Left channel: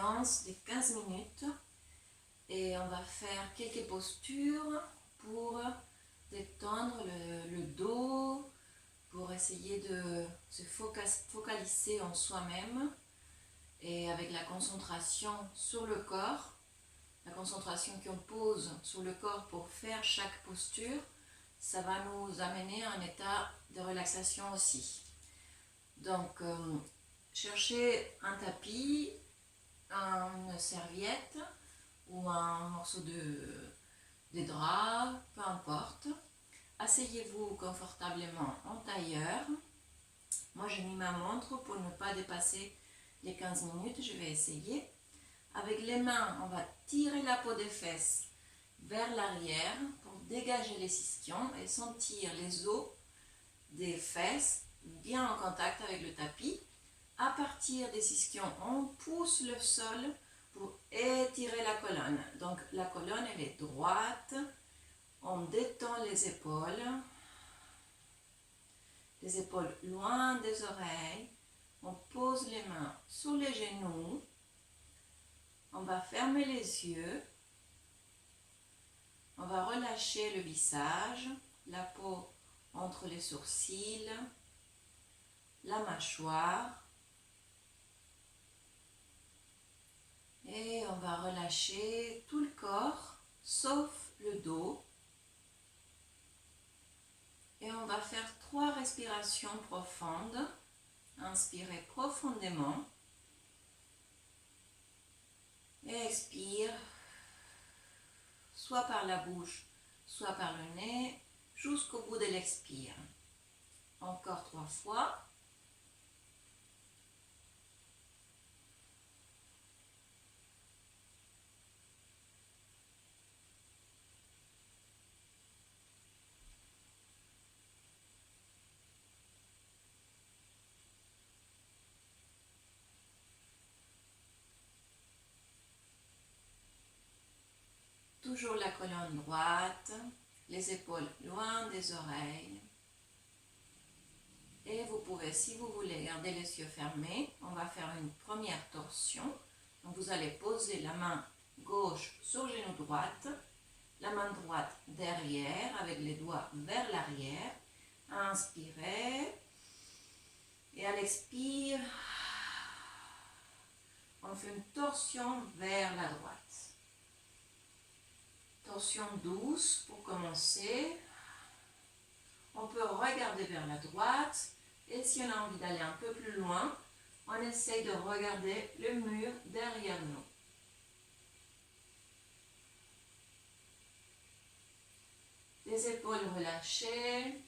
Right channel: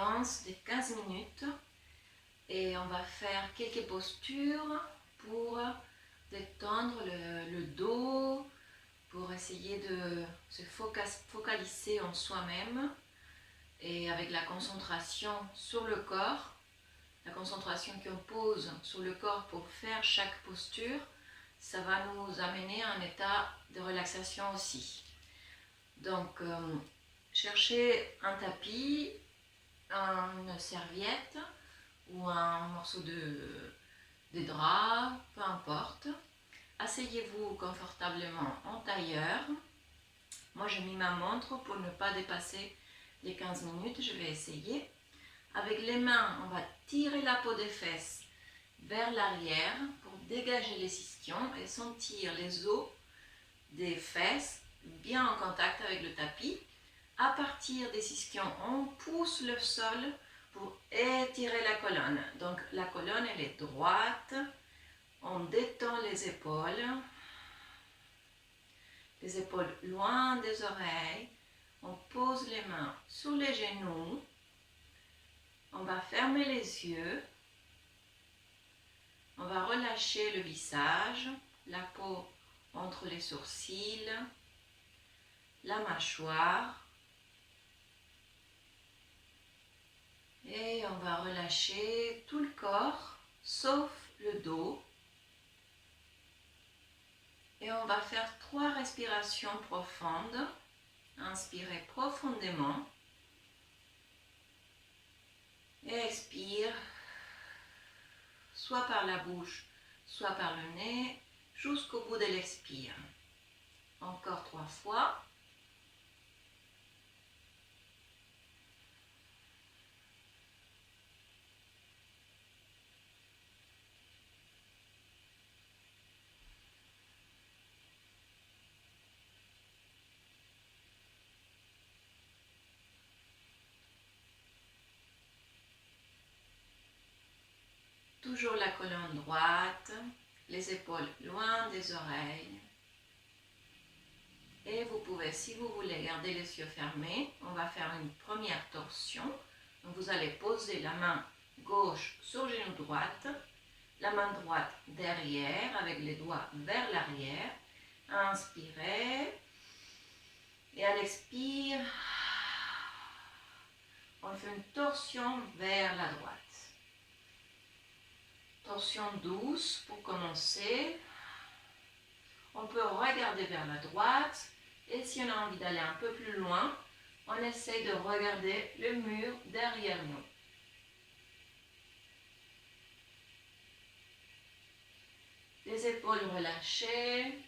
séance de 15 minutes et on va faire quelques postures pour détendre le dos, pour essayer de se focaliser en soi-même et avec la concentration sur le corps, la concentration qu'on pose sur le corps pour faire chaque posture, ça va nous amener à un état de relaxation aussi. Donc, cherchez un tapis, une serviette ou un morceau de drap, peu importe. Asseyez-vous confortablement en tailleur. Moi, j'ai mis ma montre pour ne pas dépasser les 15 minutes. Je vais essayer. Avec les mains, on va tirer la peau des fesses vers l'arrière pour dégager les ischions et sentir les os des fesses bien en contact avec le tapis. À partir des ischions, on pousse le sol pour étirer la colonne. Donc la colonne, elle est droite. On détend les épaules loin des oreilles. On pose les mains sur les genoux. On va fermer les yeux. On va relâcher le visage, la peau entre les sourcils, la mâchoire. Et on va relâcher tout le corps, sauf le dos. Et on va faire 3 respirations profondes. Inspirez profondément. Et expire, soit par la bouche, soit par le nez, jusqu'au bout de l'expire. Encore 3 fois. Toujours la colonne droite, les épaules loin des oreilles. Et vous pouvez, si vous voulez, garder les yeux fermés. On va faire une première torsion. Donc vous allez poser la main gauche sur le genou droite, la main droite derrière avec les doigts vers l'arrière. Inspirez. Et à l'expire, on fait une torsion vers la droite. Torsion douce pour commencer. On peut regarder vers la droite et si on a envie d'aller un peu plus loin, on essaie de regarder le mur derrière nous. Les épaules relâchées.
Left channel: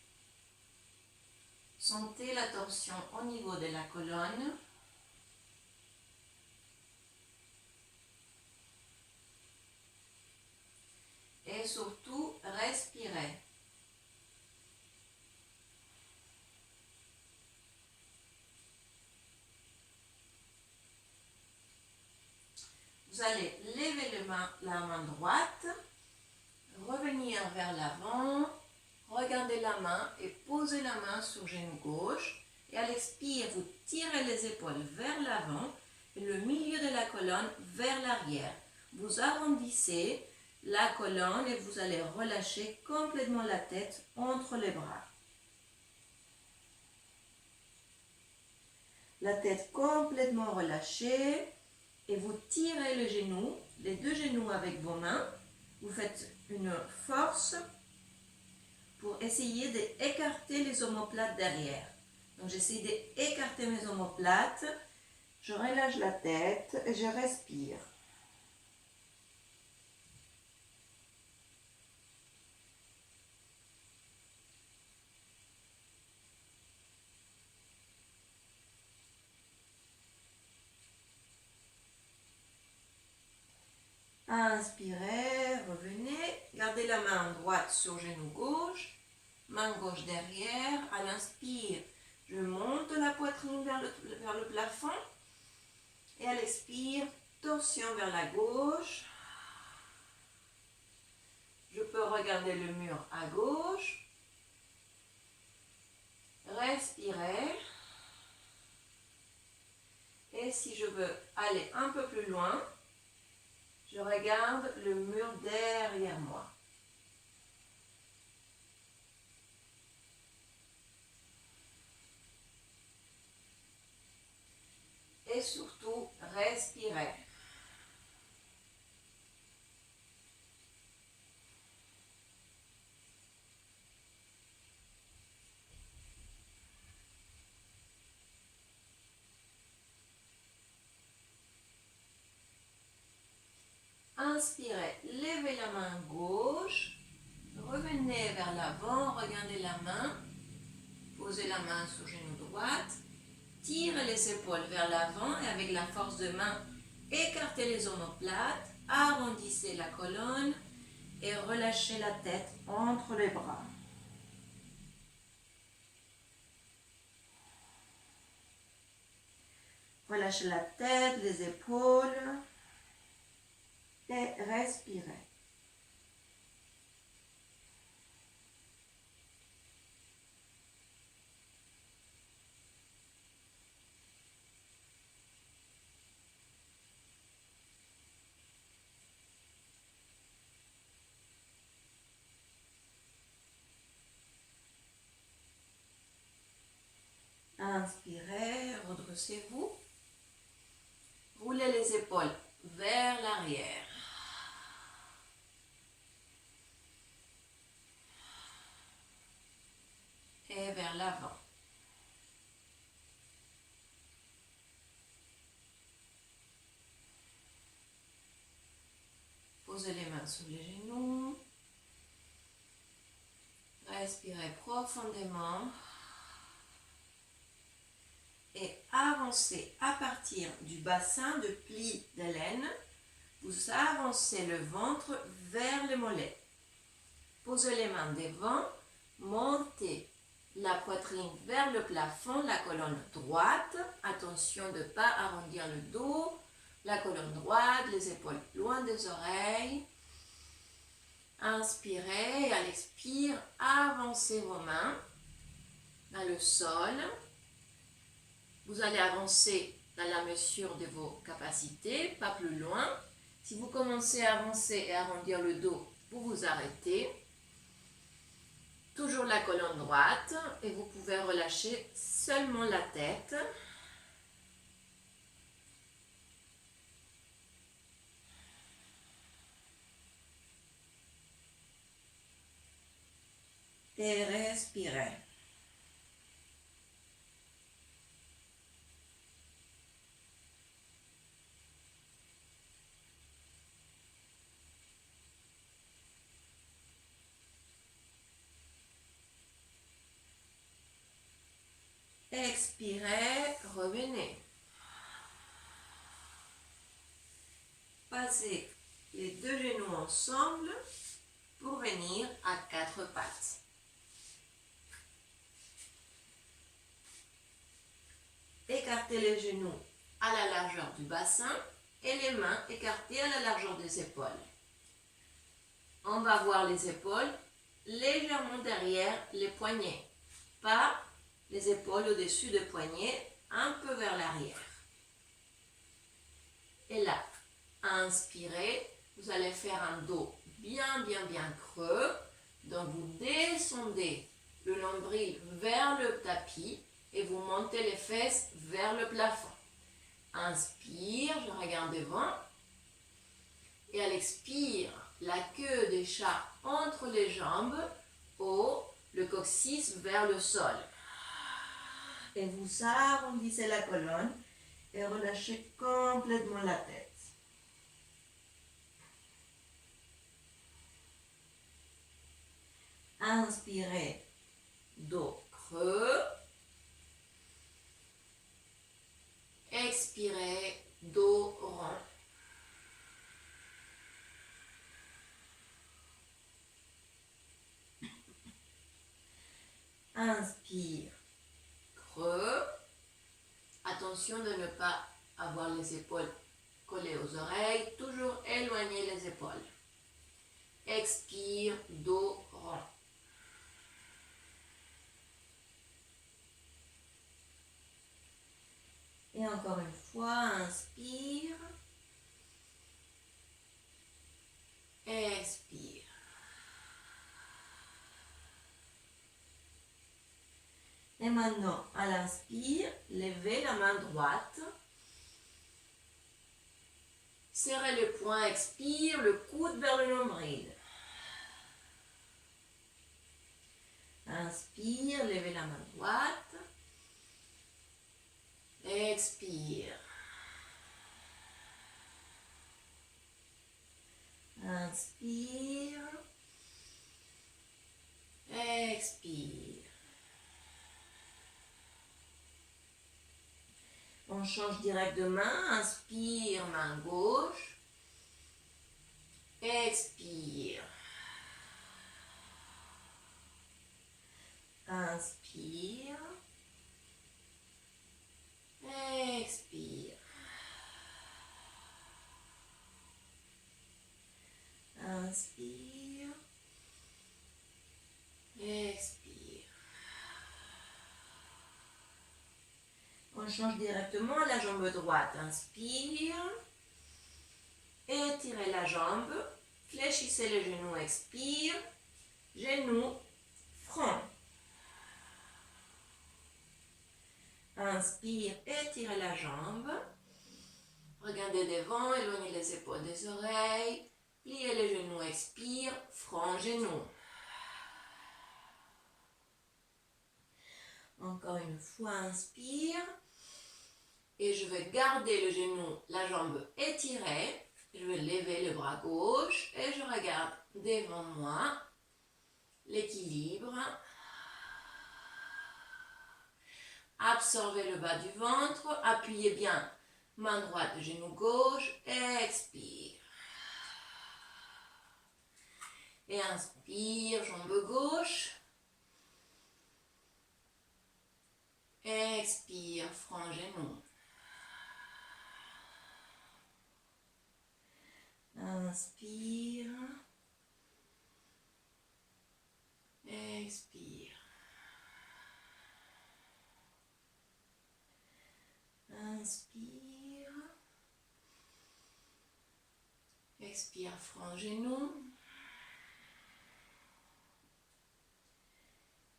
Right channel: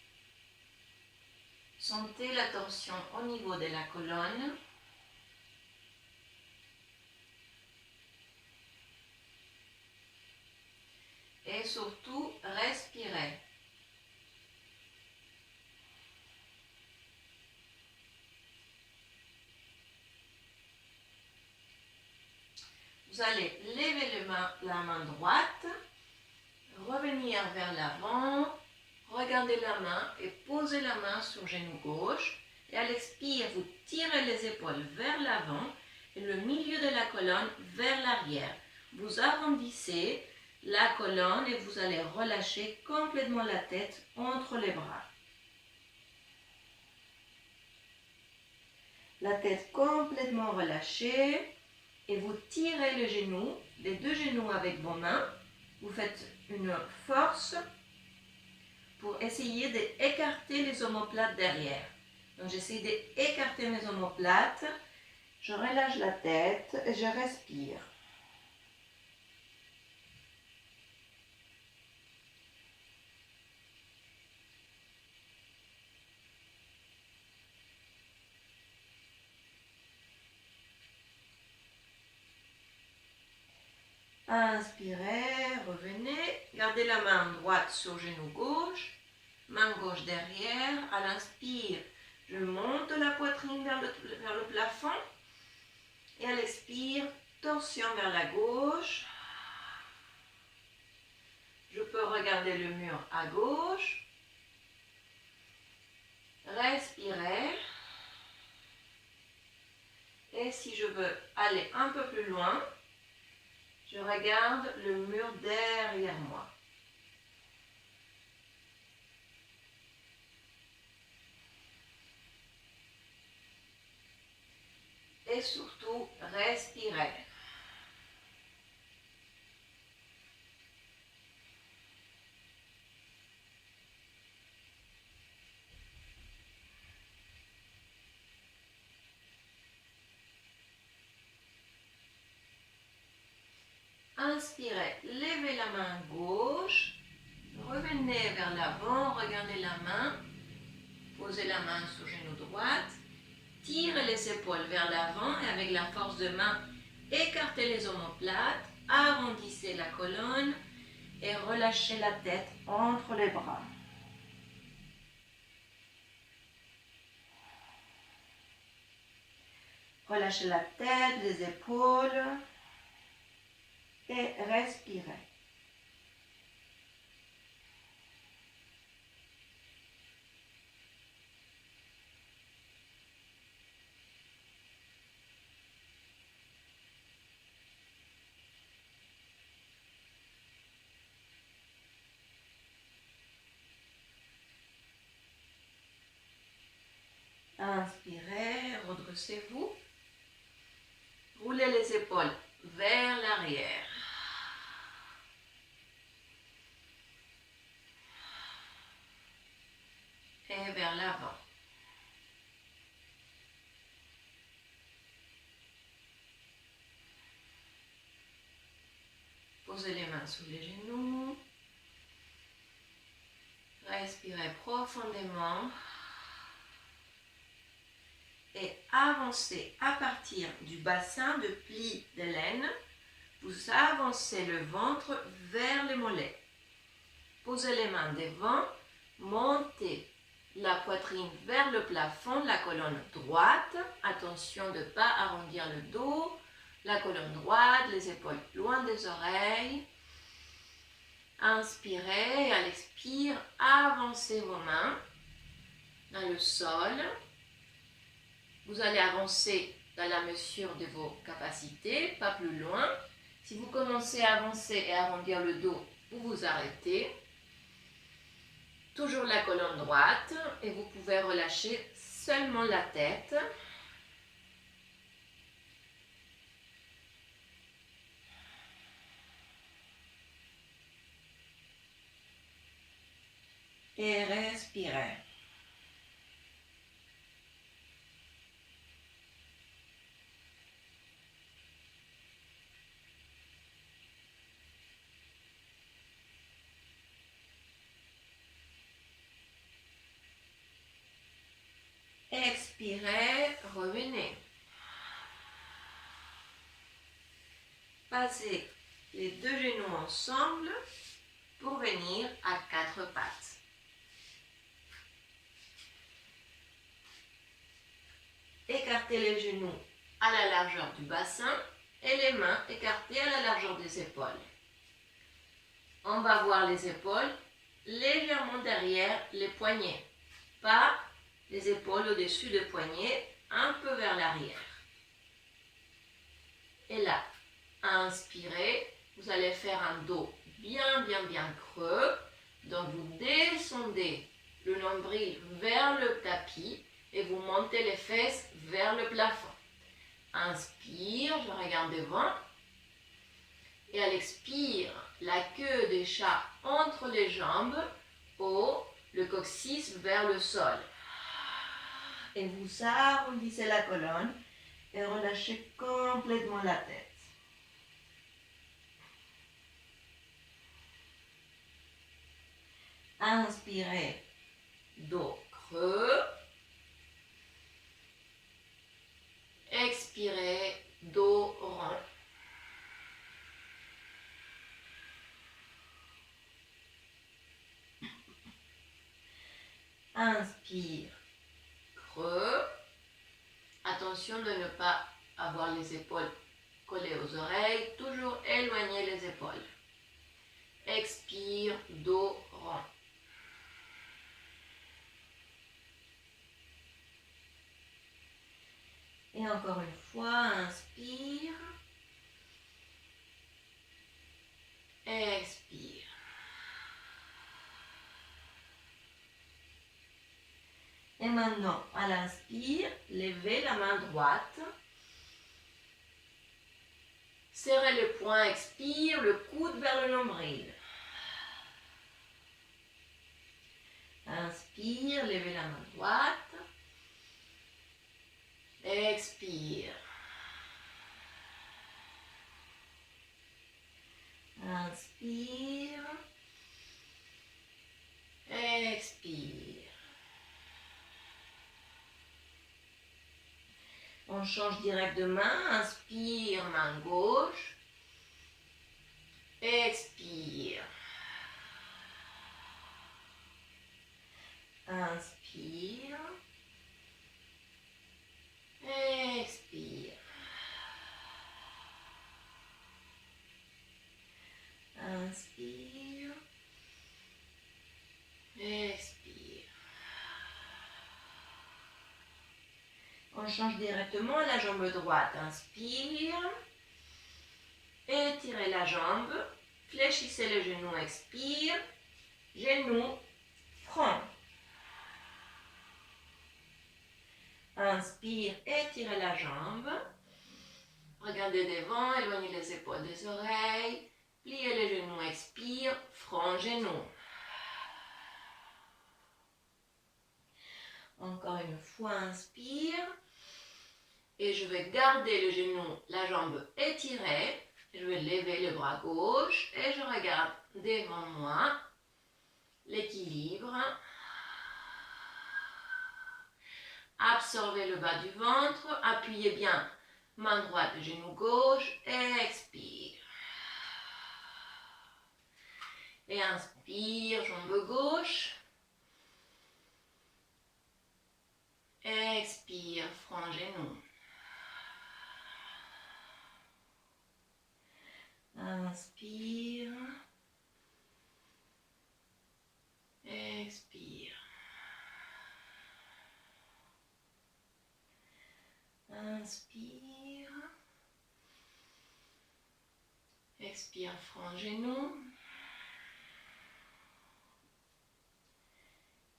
Sentez la torsion au niveau de la colonne. Et surtout, respirez. Vous allez lever la main droite, revenir vers l'avant, regardez la main et posez la main sur le genou gauche. Et à l'expire, vous tirez les épaules vers l'avant et le milieu de la colonne vers l'arrière. Vous arrondissez la colonne et vous allez relâcher complètement la tête entre les bras. La tête complètement relâchée et vous tirez les 2 genoux avec vos mains. Vous faites une force pour essayer d'écarter les omoplates derrière. Donc j'essaie d'écarter mes omoplates. Je relâche la tête et je respire. Inspirez, revenez, gardez la main droite sur le genou gauche, main gauche derrière. À l'inspire, je monte la poitrine vers le plafond et à l'expire, torsion vers la gauche. Je peux regarder le mur à gauche. Respirez et si je veux aller un peu plus loin, je regarde le mur derrière moi. Et surtout, respirez. Inspirez, levez la main gauche, revenez vers l'avant, regardez la main, posez la main sur le genou droite, tirez les épaules vers l'avant et avec la force de main, écartez les omoplates, arrondissez la colonne et relâchez la tête entre les bras. Relâchez la tête, les épaules et respirez. Inspirez, redressez-vous. Roulez les épaules vers l'arrière. Et vers l'avant. Posez les mains sous les genoux. Respirez profondément. Et avancez à partir du bassin de pli de l'aine. Vous avancez le ventre vers les mollets. Posez les mains devant. Montez la poitrine vers le plafond, la colonne droite. Attention de ne pas arrondir le dos. La colonne droite, les épaules loin des oreilles. Inspirez et à l'expire, avancez vos mains dans le sol. Vous allez avancer dans la mesure de vos capacités, pas plus loin. Si vous commencez à avancer et à arrondir le dos, vous vous arrêtez. Toujours la colonne droite et vous pouvez relâcher seulement la tête. Et respirez. Expirez, revenez. Passez les deux genoux ensemble pour venir à quatre pattes. Écartez les genoux à la largeur du bassin et les mains écartées à la largeur des épaules. On va voir les épaules légèrement derrière les poignets, pas les épaules au-dessus des poignets, un peu vers l'arrière. Et là, inspirez, vous allez faire un dos bien creux. Donc vous descendez le nombril vers le tapis et vous montez les fesses vers le plafond. Inspire, je regarde devant. Et à l'expire, la queue des chats entre les jambes, haut, le coccyx vers le sol. Et vous arrondissez la colonne et relâchez complètement la tête. Inspirez, dos creux. Expirez, dos rond. Inspire, creux. Attention de ne pas avoir les épaules collées aux oreilles. Toujours éloigner les épaules. Expire, dos rond. Et encore une fois, Et maintenant, à l'inspire, levez la main droite. Serrez le poing, expire, le coude vers le nombril. Inspire, levez la main droite. Expire. Inspire. Expire. On change direct de main. Inspire, main gauche. Expire. Inspire. Expire. Inspire. Expire. On change directement à la jambe droite. Inspire. Étirez la jambe. Fléchissez le genou. Expire. Genou. Front. Inspire. Étirez la jambe. Regardez devant. Éloignez les épaules des oreilles. Pliez les genoux. Expire. Front, genou. Encore une fois, inspire. Et je vais garder le genou, la jambe étirée. Je vais lever le bras gauche et je regarde devant moi l'équilibre. Absorbez le bas du ventre. Appuyez bien main droite, genou gauche. Expire. Et inspire, jambe gauche. Expire, front, genou. Inspire. Expire. Inspire. Expire, front, genou.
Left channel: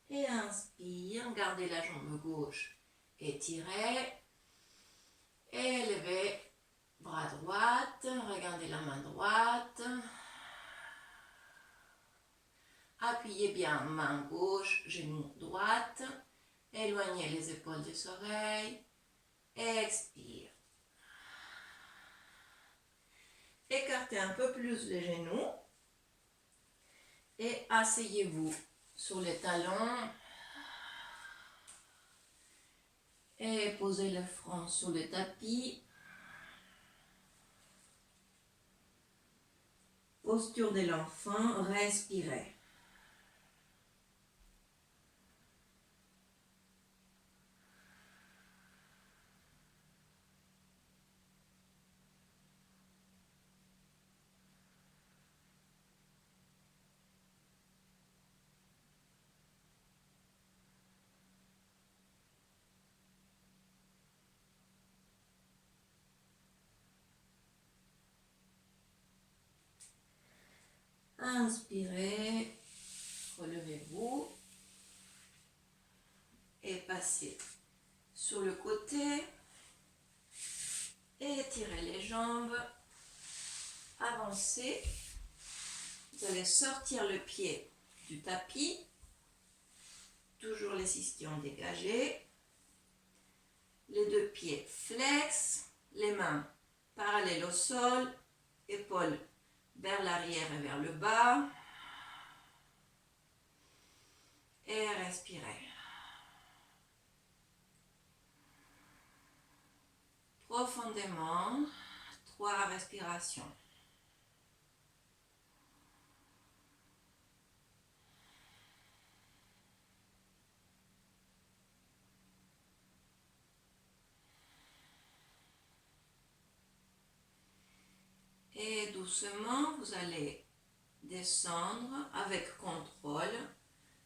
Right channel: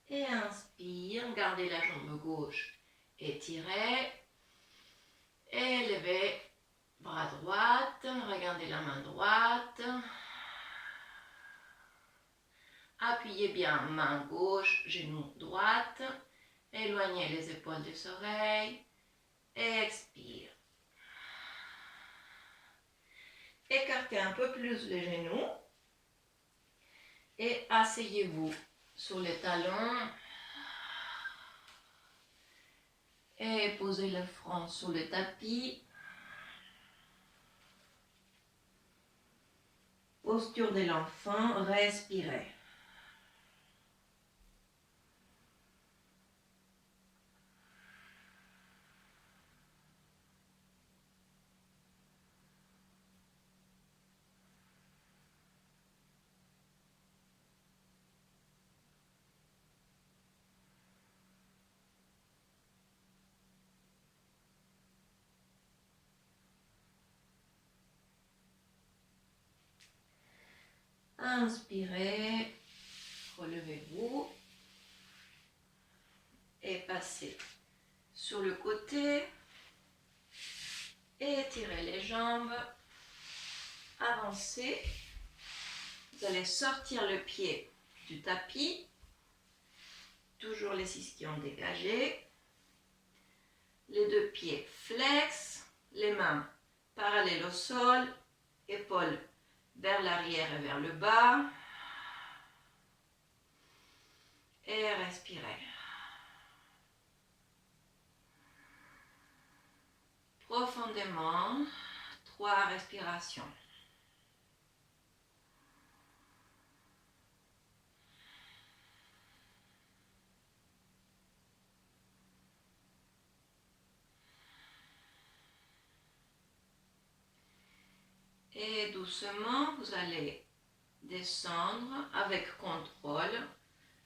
Et inspire, gardez la jambe gauche étirée. Et levez bras droite, regardez la main droite. Appuyez bien main gauche, genou droite. Éloignez les épaules des oreilles. Expire. Écartez un peu plus les genoux. Et asseyez-vous sur les talons. Et posez le front sur le tapis. Posture de l'enfant, respirez. Inspirez, relevez-vous et passez sur le côté. Étirez les jambes, avancez. Vous allez sortir le pied du tapis, toujours les ischions dégagés. Les deux pieds flex, les mains parallèles au sol, épaules vers l'arrière et vers le bas. Et respirez. Profondément, 3 respirations. Et doucement, vous allez descendre avec contrôle,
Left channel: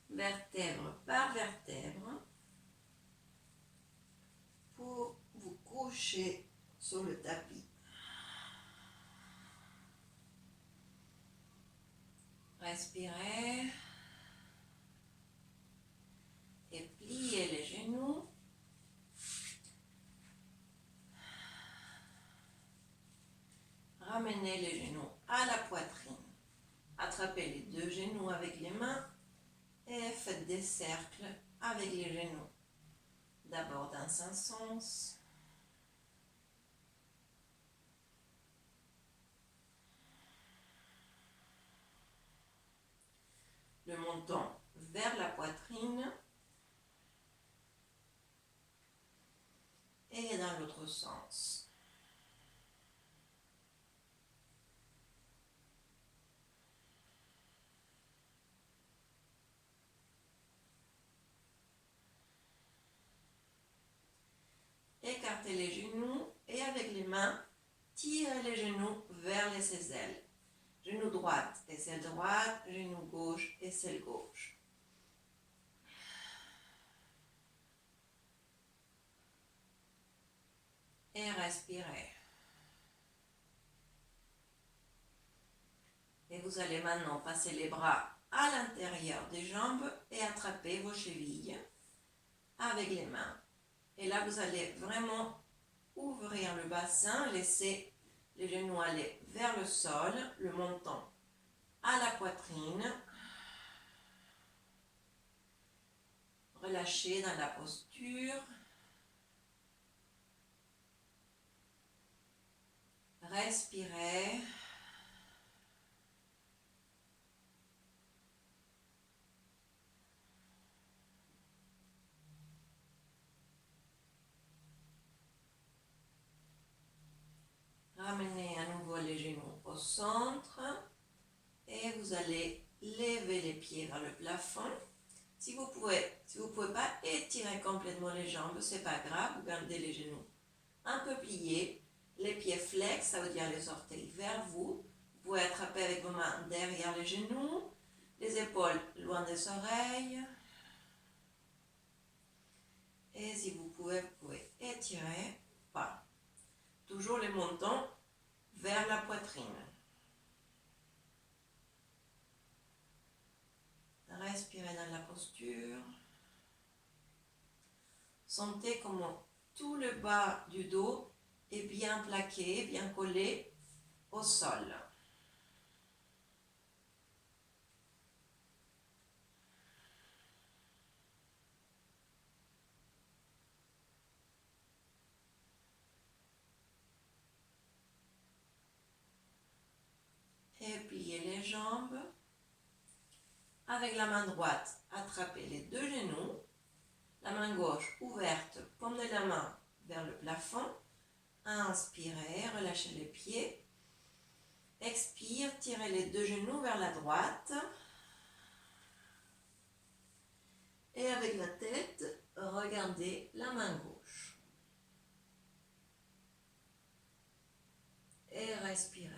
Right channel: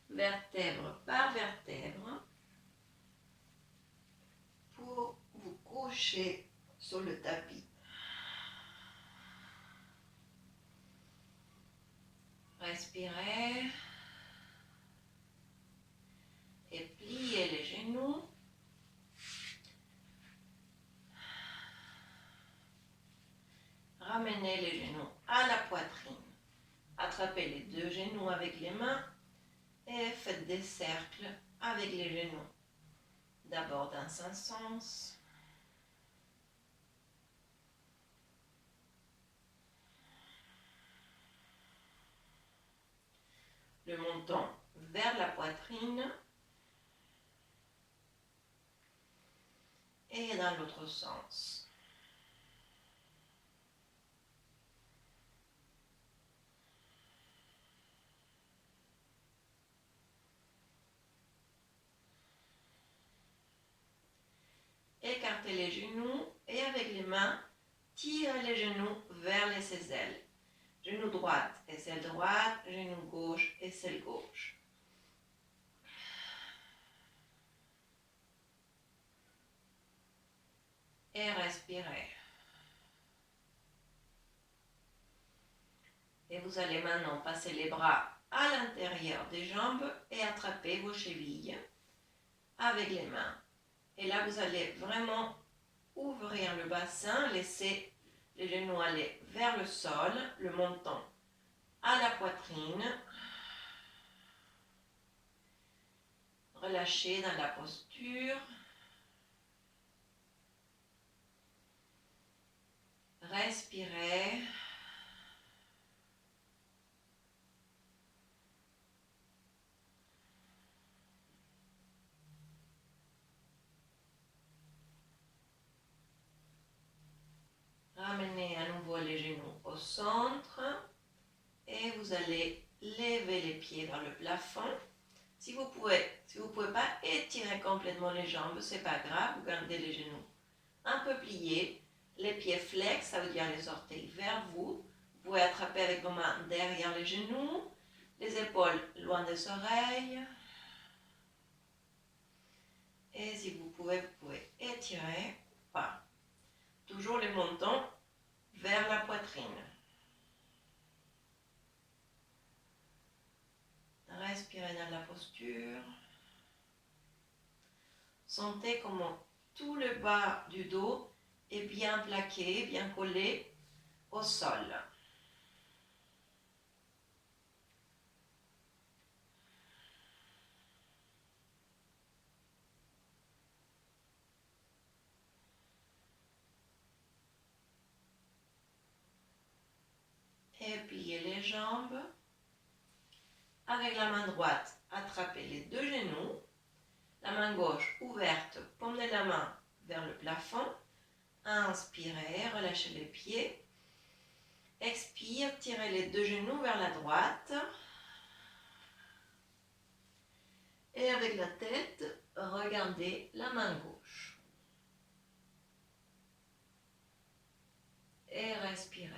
vertèbre par vertèbre, pour vous coucher sur le tapis. Respirez et pliez les genoux. Ramenez les genoux à la poitrine. Attrapez les deux genoux avec les mains et faites des cercles avec les genoux. D'abord dans un sens. Le menton vers la poitrine. Et dans l'autre sens. Écartez les genoux et avec les mains, tirez les genoux vers les aisselles. Genou droite, aisselle droite, genou gauche, aisselle gauche. Et respirez. Et vous allez maintenant passer les bras à l'intérieur des jambes et attraper vos chevilles avec les mains. Et là, vous allez vraiment ouvrir le bassin, laisser les genoux aller vers le sol, le menton à la poitrine. Relâchez dans la posture. Respirez. Ramenez à nouveau les genoux au centre et vous allez lever les pieds vers le plafond. Si vous pouvez pas étirer complètement les jambes, c'est pas grave, vous gardez les genoux un peu pliés, les pieds flex, ça veut dire les orteils vers vous. Vous pouvez attraper avec vos mains derrière les genoux, les épaules loin des oreilles. Et si vous pouvez étirer, pas. Toujours le menton vers la poitrine. Respirez dans la posture. Sentez comment tout le bas du dos est bien plaqué, bien collé au sol. Et pliez les jambes. Avec la main droite, attrapez les deux genoux. La main gauche ouverte, paume de la main vers le plafond. Inspirez, relâchez les pieds. Expire, tirez les deux genoux vers la droite. Et avec la tête, regardez la main gauche. Et respirez.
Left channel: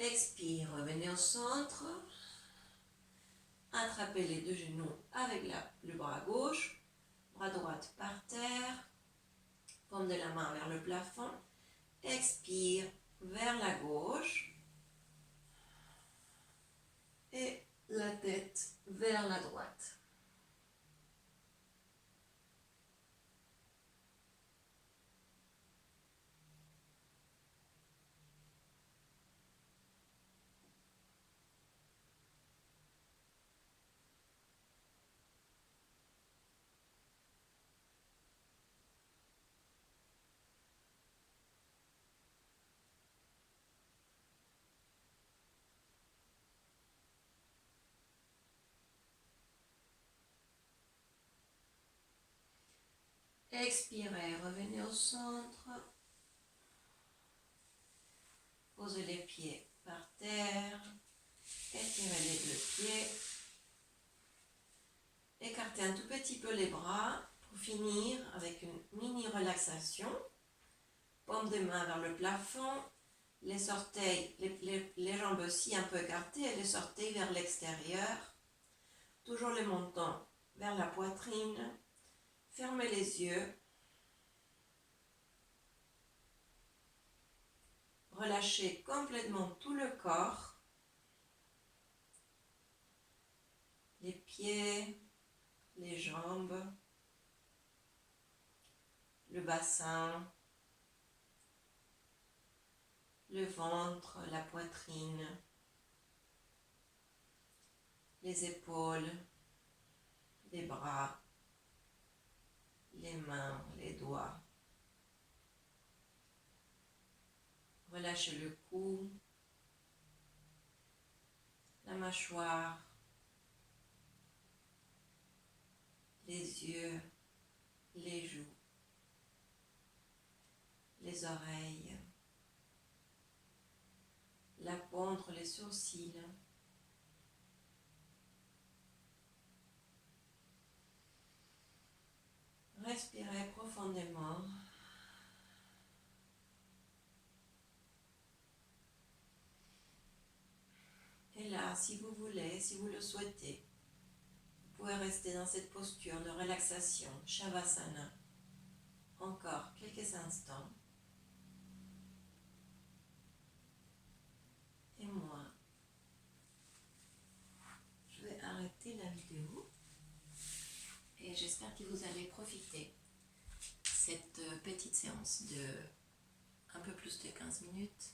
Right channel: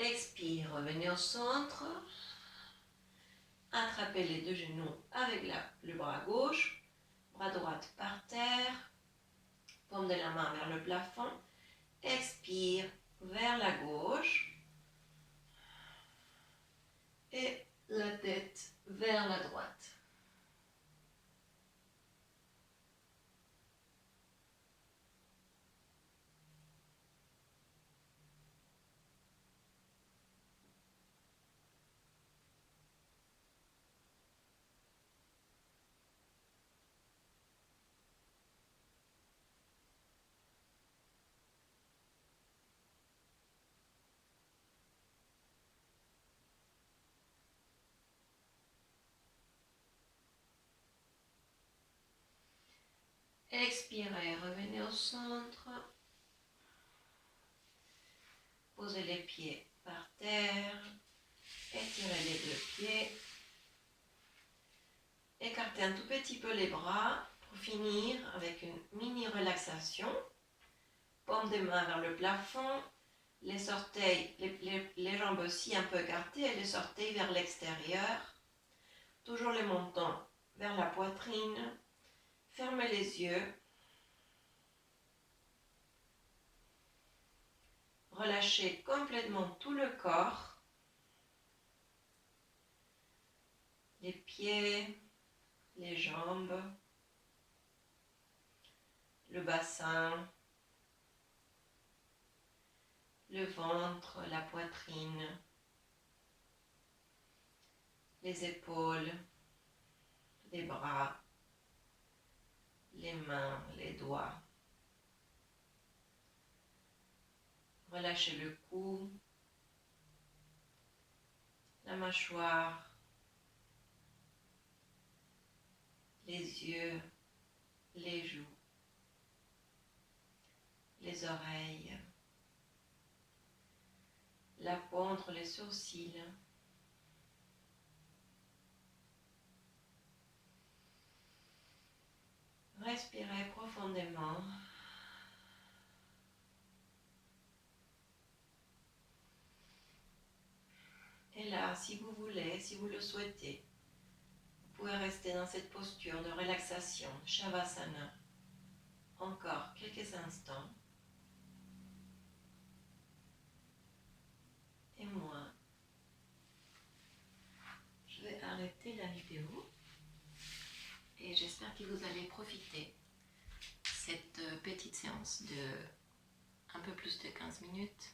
Expire, revenez au centre. Attrapez les deux genoux avec le bras gauche. Bras droit par terre. Paume de la main vers le plafond. Expire vers la gauche. Et la tête vers la droite. Expirez, revenez au centre. Posez les pieds par terre. Étirez les deux pieds. Écartez un tout petit peu les bras pour finir avec une mini relaxation. paume des mains vers le plafond, les orteils, les jambes aussi un peu écartées et les orteils vers l'extérieur. Toujours les montants vers la poitrine. Fermez les yeux. Relâchez complètement tout le corps. Les pieds, les jambes, le bassin, le ventre, la poitrine, les épaules, les bras, les mains, les doigts. Relâchez le cou, la mâchoire, les yeux, les joues, les oreilles, la peau entre les sourcils. Respirez profondément. Et là, si vous voulez, si vous le souhaitez, vous pouvez rester dans cette posture de relaxation, Shavasana, encore quelques instants. Et moi, je vais arrêter la vidéo et j'espère que vous allez profiter de cette petite séance de un peu plus de 15 minutes